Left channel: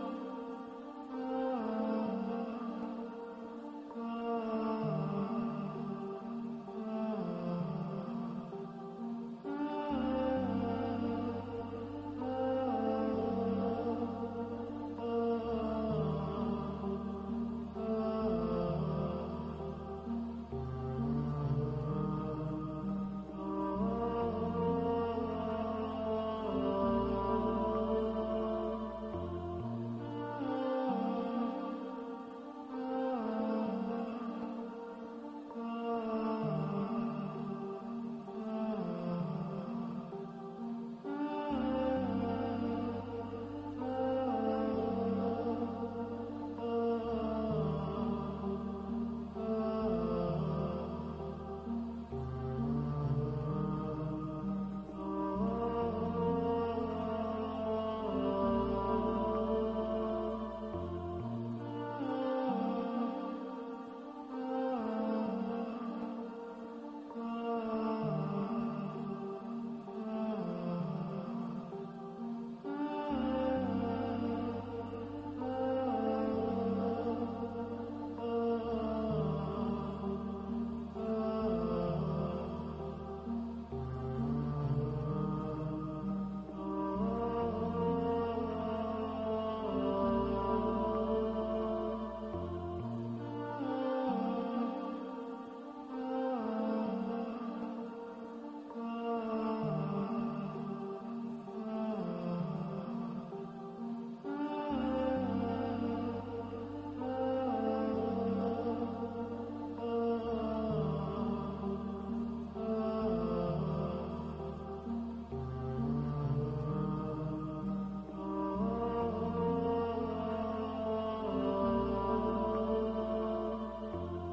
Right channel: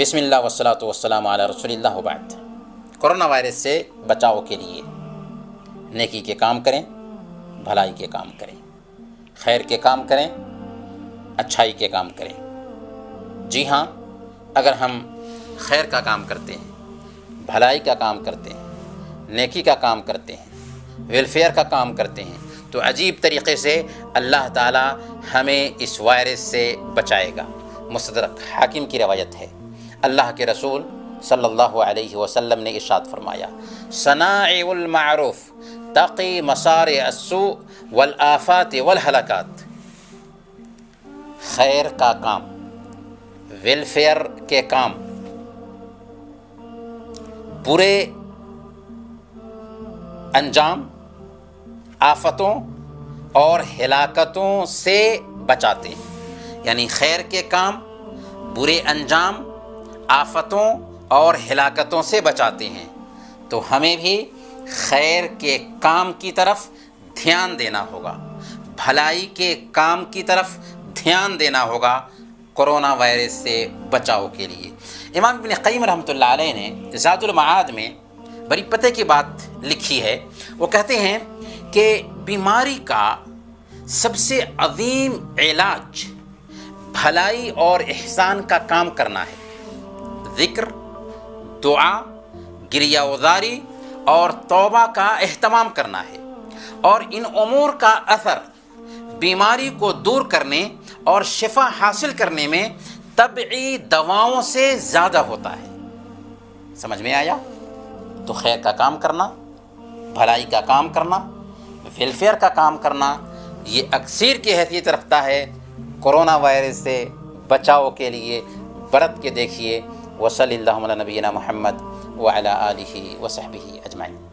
بسم اللہ والصلاۃ والسلام علی رسول اللہ وبعد۔ کرونا وائرس سے بچاؤ کے لیے نیکی کے کام کریں، بھلائی کے کام کریں، خیر کے کام کریں، اچھائی کے کام کریں۔ جی ہاں، اگر ہم خیر کا کام کرتے ہیں، بھلائی کا کام کرتے ہیں، نیکی کا کام کرتے ہیں، ویلفیئر کا کام کرتے ہیں، تو عجیب طریقے سے اللہ تعالی ہمیں اس وائرس سے بچائے گا۔ مستدرک حاکم کی روایت ہے، اللہ کے رسول صلی اللہ علیہ وسلم نے ارشاد فرمایا، صنائع المعروف تقی مصارع السوء والآفات والہلاکات۔ خیر کا کام، ویلفیئر کے کام، برے انجام، آفتوں اور ہلاکتوں سے بچاتے ہیں۔ یعنی خیر کے کام برے انجام، آفتوں اور ہلاکتوں سے بچاتے ہیں۔ تو ہمیں بھی خیر کے کام کی طرف دھیان دینا ہوگا، بھلائی کے کام کی طرف دھیان دینا ہوگا کرونا وائرس سے بچاؤ کے لیے۔ امام ابن قیم رحمۃ اللہ علیہ نے زاد المعاد میں بڑی پتے کی بات لکھی ہے۔ وہ کہتے ہیں کہ بیماری کا سب سے عظیم علاج بھلائی اور احسان کا کام کرنا ہے۔ ذکر، دعا، گریہ وزاری اور توبہ کا اہتمام کرنا ہے، اور ان امور کا اثر بیماری کو دور کرنے اور شفا حاصل کرنے میں طبعی دواؤں سے زیادہ ہوتا ہے۔ سمجھ میں آیا؟ تو خیر کا کام کرنا، بھلائی کا کام کرنا، ویلفیئر کا کام کرنا، یہ اکسیر کی حیثیت رکھتا ہے کرونا وائرس سے بچاؤ کے لیے۔ برت کے دیکھیے۔ وصلی اللہ علی نبینا محمد وعلی آلہ وصحبہ اجمعین۔